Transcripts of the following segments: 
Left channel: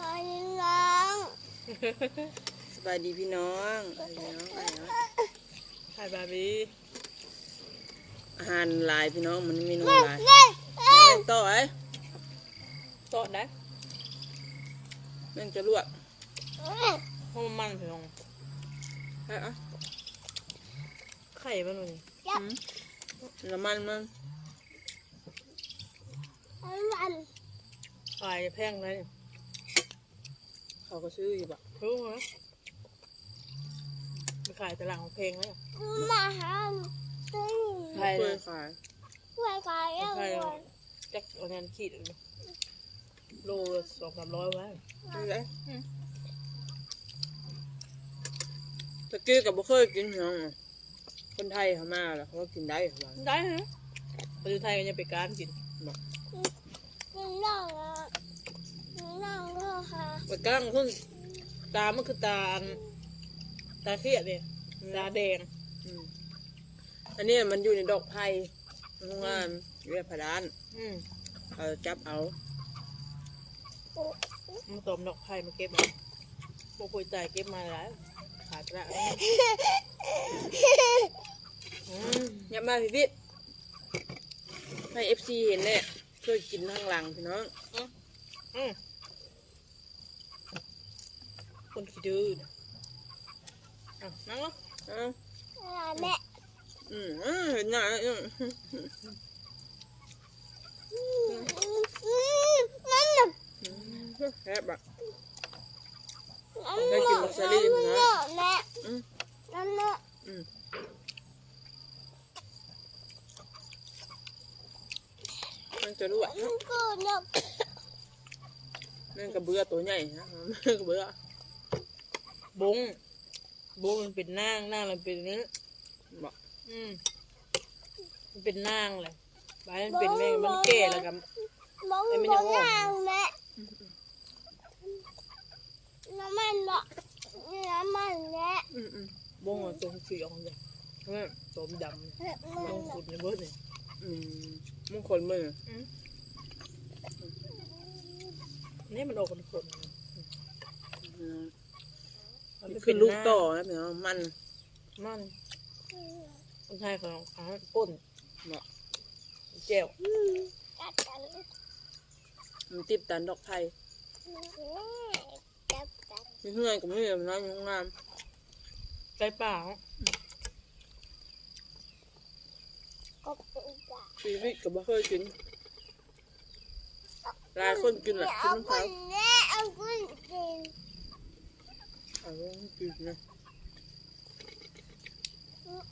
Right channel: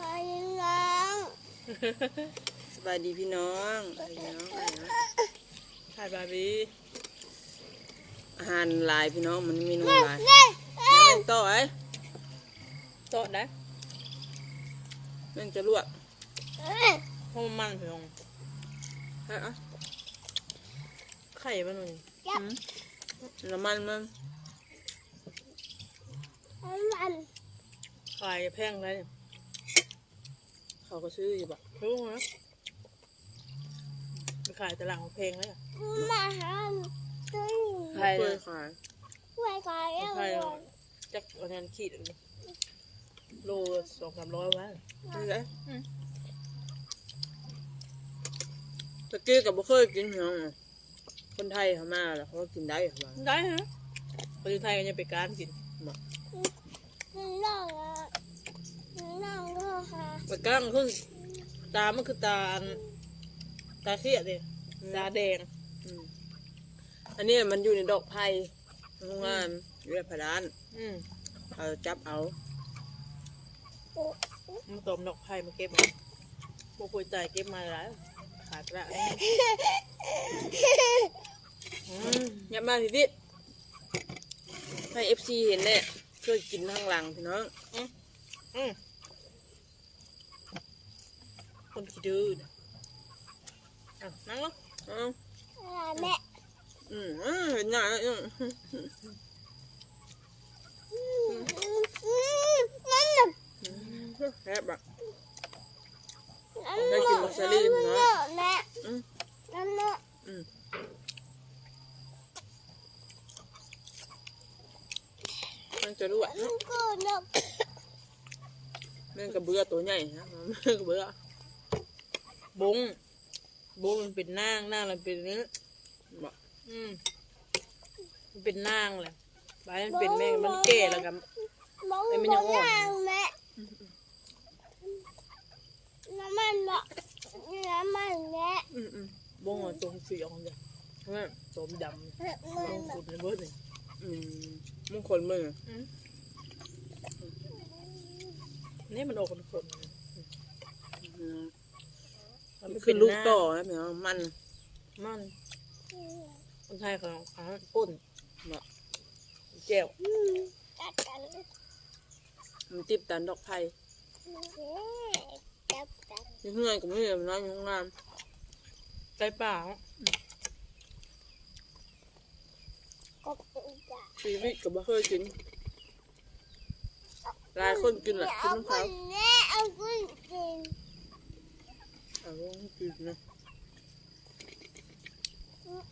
มาน้องสบายดีพี่น้องสบายดีพี่น้องอะไรวะถ่ายบาร์บี้อาหารหลายพี่น้องมันเมนูหลายเล่นแล้วแม่งต่อไอ้โตะได้แม่งจะลวกเพราะมันมันเพียงฮะอะไข่มันหนึ่งอืมน้ำมันมันมันไข่แพงเลย เขาก็ซื้ออยู่บะรู้ไหมไปขายตลาดของเพลงแล้วมาหาตึ้งไม่เคยขายไว้ขายยังไข่ไงจักเอาแทนขีดอันนี้โลสองสามร้อยไว้ไม่ได้ตะกี้กับบุเคยกินพี่น้องอะคนไทยเขามาแล้วเขาก็กินได้เขาบอกได้ฮะประเทศไทยมันยังไปการกินน้องอะน้องก็ ค่ะไปการขึ้นตามันคือตาอันตาเครียดเลยตาแดงอืมอันนี้มันอยู่ในดอกไผ่โรงงานอยู่ในผาดานอืมเขาจับเอามันตอมดอกไผ่มาเก็บมาพวกคุยใจเก็บมาแล้วขาดละอืมยับมาพี่พี่ให้เอฟซีเห็นเนี่ยช่วยกินข้างหลังพี่น้องอืมคน ขี้ดื้อนะอะนั่งลงเอ้าแม่อืมอ่าเห็นหน้าแล้วอืมนั่นน่ะแซ่บอะนั่นน่ะแม่อืมนั่นน่ะอืมมันจะรู้อะนั่นก็น่ะแม่งกระเบือตัวใหญ่นะแม่งกระเบือ บง บงมันเป็นนางนางมันเป็นเนื้อบอกอืมมันเป็นนางเลยบายมันเป็นแม่มันแก่แล้วกันมองไอ้ไม่มยัองงอ่อนทางแม่น้ำมันละน้ำมันแม่อืมอืมบงมันตรงสีออกเลยเนี่ยสมดำเนี่ยมับนงขุดในเบิร์ดเลยอืมมึงขนมือนี่มันออกเป็นขนอื มมันไม่คือลูกเป็นหน้าต่อนะพี่น้องมันมันคนไทยของเขาป้นบอกแก้วกัดกันมันติดตันดอกไผ่จับกันมีเพื่อนกับไม่มีน้อยอยู่ข้างล่างใจเปล่าก็เป็นจับชีวิตกับบ่เคยกินหลายคนกินแหละกินน้ำเขาแม่เอากุ้งกิน เอาไว้ให้กินนะ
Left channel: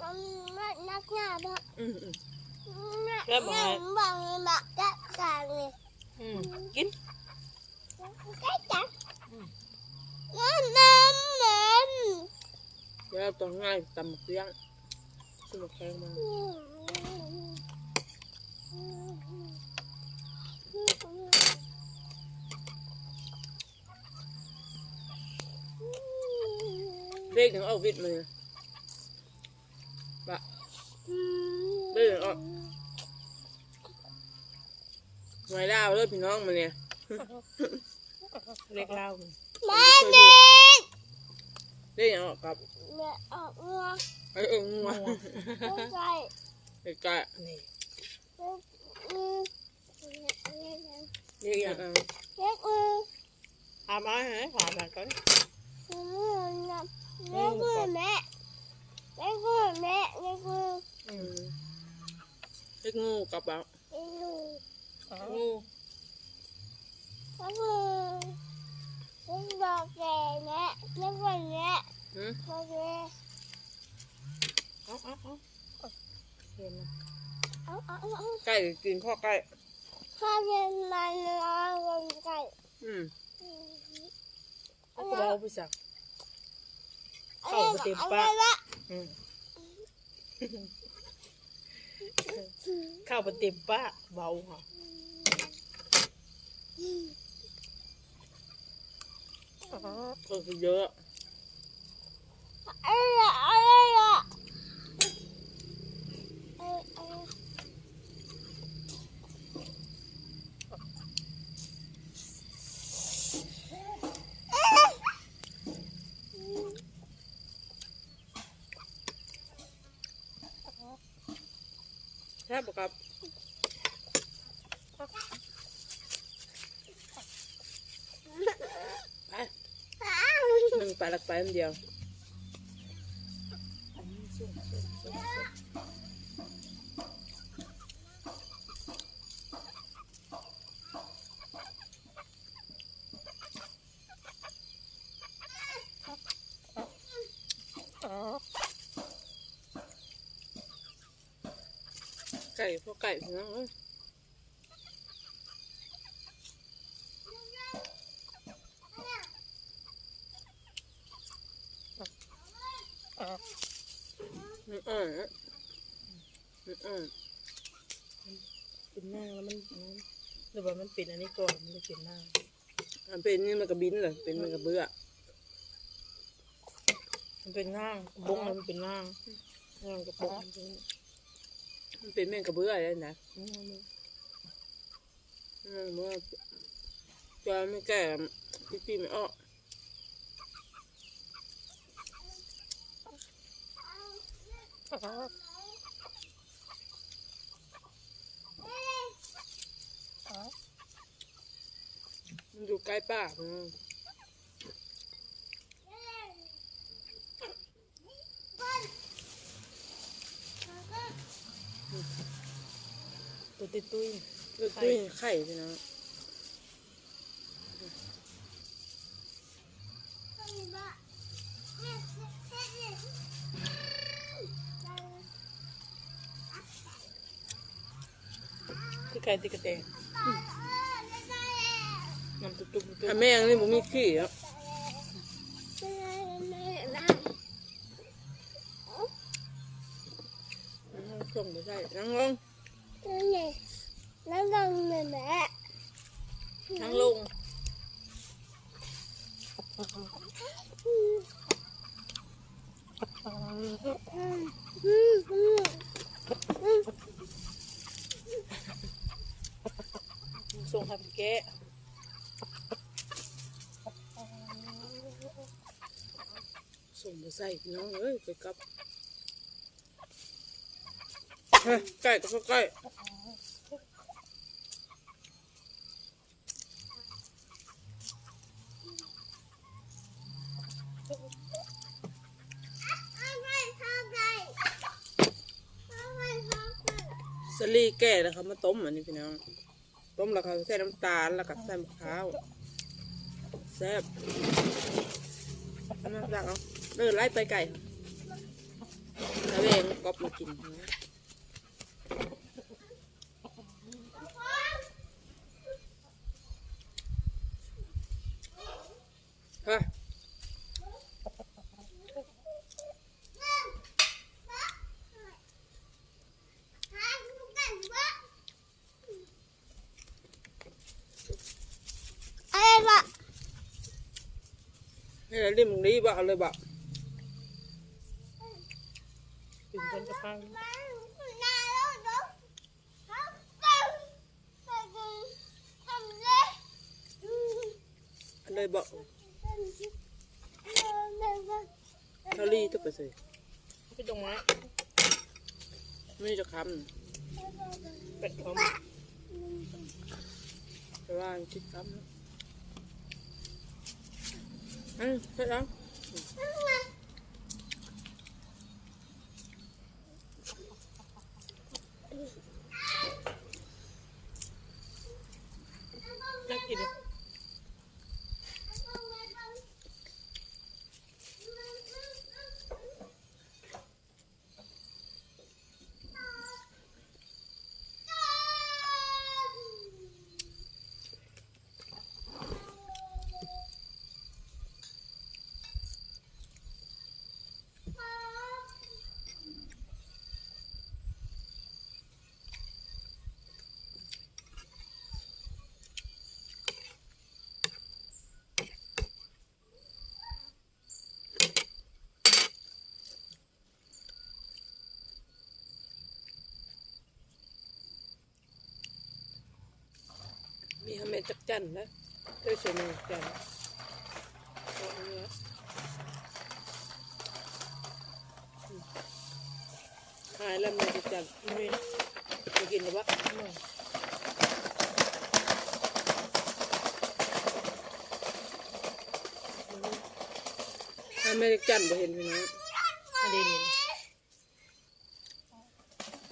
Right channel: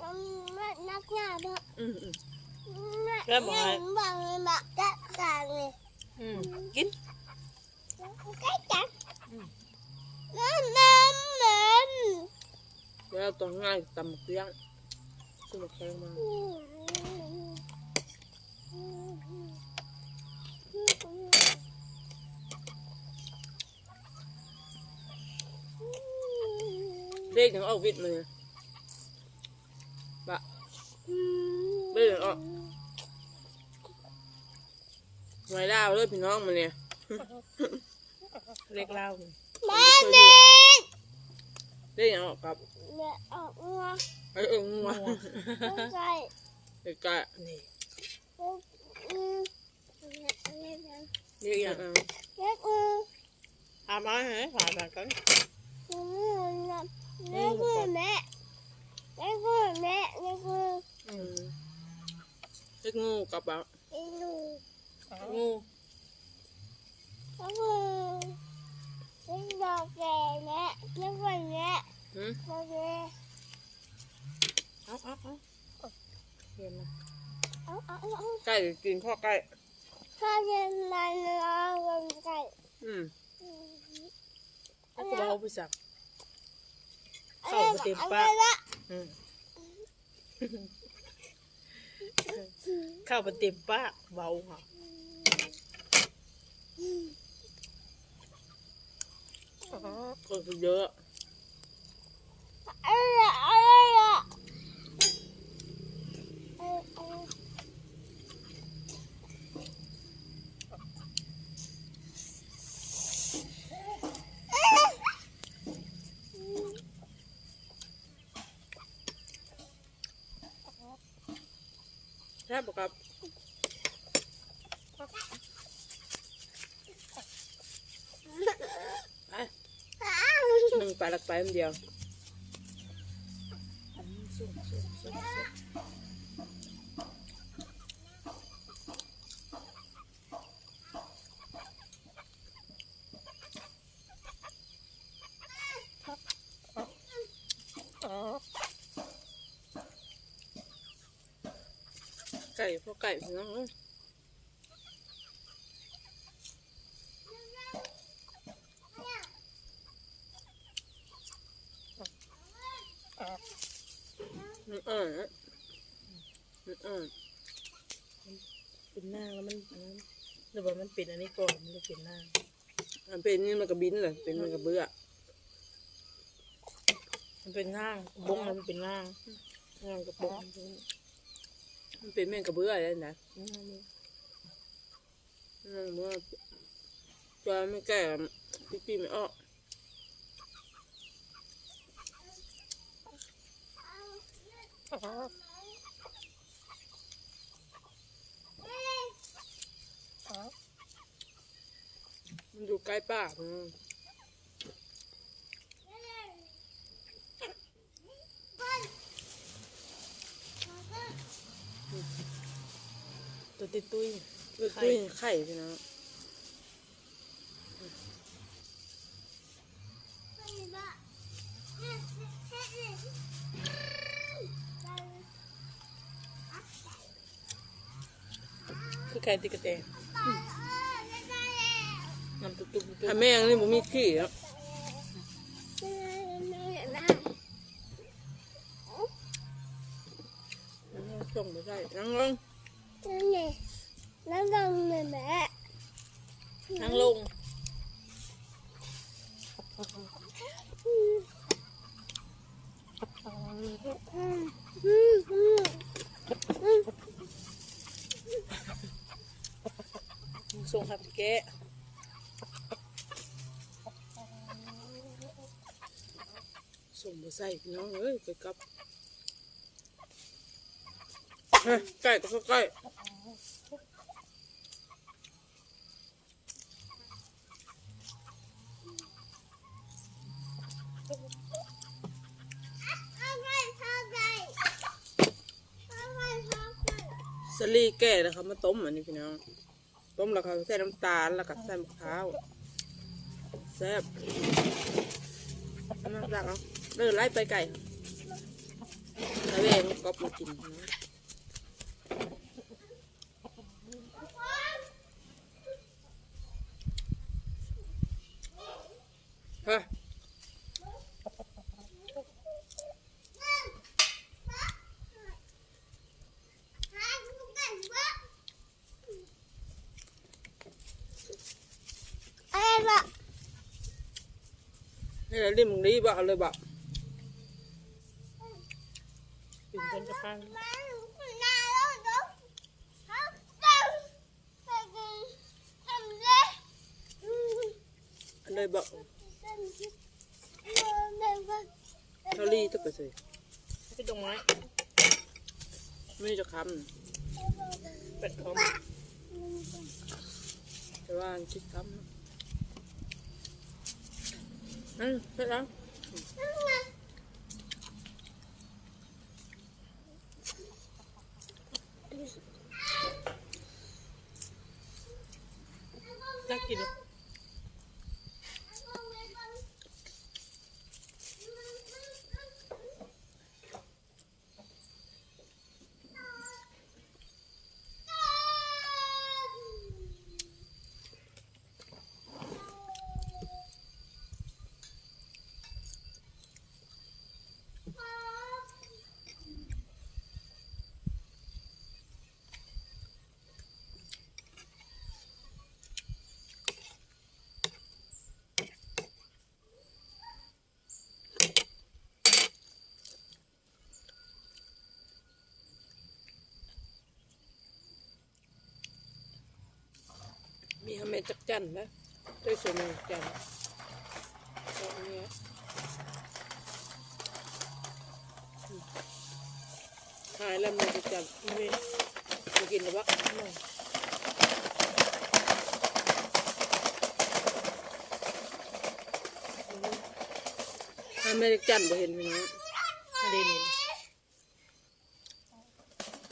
มันมันนักหนาบ้างอืมอืมนักหนาบ้างเลยมากัดกันเลยอืมกินกัดกันน้ำมันมันแล้วตอนง่ายตำหมกลี้ยงซื้อหมกแข็งมา เด็กถึงออกวิทย์มาเนี่ยบะเด็กถึงออกหน่วยดาวเลยพี่น้องมาเนี่ยเล็กเล่ามาเด็กเด็กถึงออกกับแม่ออกงัวไอ้เอิงงัวไม่ใช่ไอ้กะนี่อืมเรียกอย่างเออเล็กอืออามาเหรอหาแบบกัน อืมเล็กอือแม่เล็กอือแม่เล็กอือเล็กงูกับแบบเล็กอืองูเล็กอือเล็กบอกแกแม่เล็กวันแม่หืมบอกแกเอาเอาเอาเห็นนะเอาเอาเอาใกล้กินข้อใกล้ข้าเย็นมันเอาลงไก่อืม เอากระเป๋าไปสักเอาเข้าไปเต็มปากละอืมเข้าไปเต็มปากเบาค่ะคนคือเยอะอะไรอะไรอะเออเออ ช่ปะครับไปหนึ่งปลาหลักไปอันเดียว อันนี้ส้มส้มส้มส้มอ๋อ ไก่พวกไก่พี่น้องเอ้ยอ๋อมันอ่อนอะมันอ่อนเป็นหน้าแล้วมันอันนั้นหรือว่ามันเป็นอันนี้ก่อนมันเลยเป็นหน้ามันเป็นนี่มันก็บินเลยเป็นมันก็เบื่อมันเป็นง่างบงมันเป็นง่างง่างกับบง มันเป็นเป็นแม่งกระเบื่อเลยนะง่างเลยอืมว่าจอยไม่แก่พี่ปีไม่ออกอ๋ออ๋อมันอยู่ใกล้ป่าพี่น้อง ตัวตุ้ยตุ้ยลูกตุ้ยไข่พี่น้องคือใครติกระเตงน้ำตุ๊กตุ๊กตุ๊กถ้าแม่งนี่ผมมีขี้แล้วอืมส่งไปใช่นั่งลง แล้วลงเลยแม่นั่งลงส่งพันแกะส่งไป ใส่พี่น้องเอ้ยไปกลับเฮ้ยใกล้ก็ใกล้สลีแก่แล้วเขามาต้มอันนี้พี่น้อง ต้มแล้วเขาใส่น้ำตาลแล้วก็ใส่มะพร้าวแซ่บเอามาสั่งเอาเดินไล่ไปไก่แล้วเองก็มากินนะเฮ้ย ให้เราเรียมรีบเอาเลยบอกถึงคนจะไปเอาเลยบอกเท่ารีทุกไปสิพี่ตรงนั้นไม่ได้จะคเป็ดคอมำแต่ว่าคิดคำนะ อืมเสร็จแล้ว อยากกิน มีทำไม จันนะด้วยส่วนหนึ่งจันตรงนี้หายแล้วแม่จักจันนี่จะกินหรือวะถ้าไม่ได้จันบ่เห็นพี่น้องอันนี้นี่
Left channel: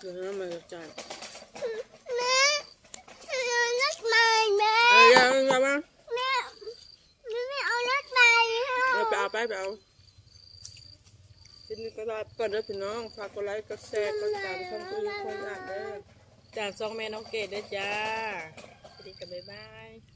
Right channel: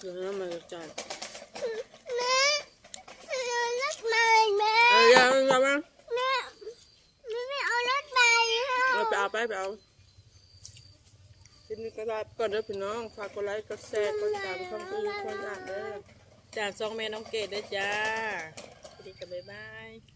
คือน้ำมันจะจัน แม่เอารถมาแม่ เอ้ ยเอาเอามาแม่แม่ไม่เอารถมาเราไปเอาไปไปเอาทีนี้ก็ได้ก่อนเด้อพี่น้อง ฝากกดไลค์ กดแชร์ กดติดตามช่องตัวยูคนอ่านเด้อจากซองแม่น้องเกดด้วยจ้าสวัสดีกันบ๊ายบาย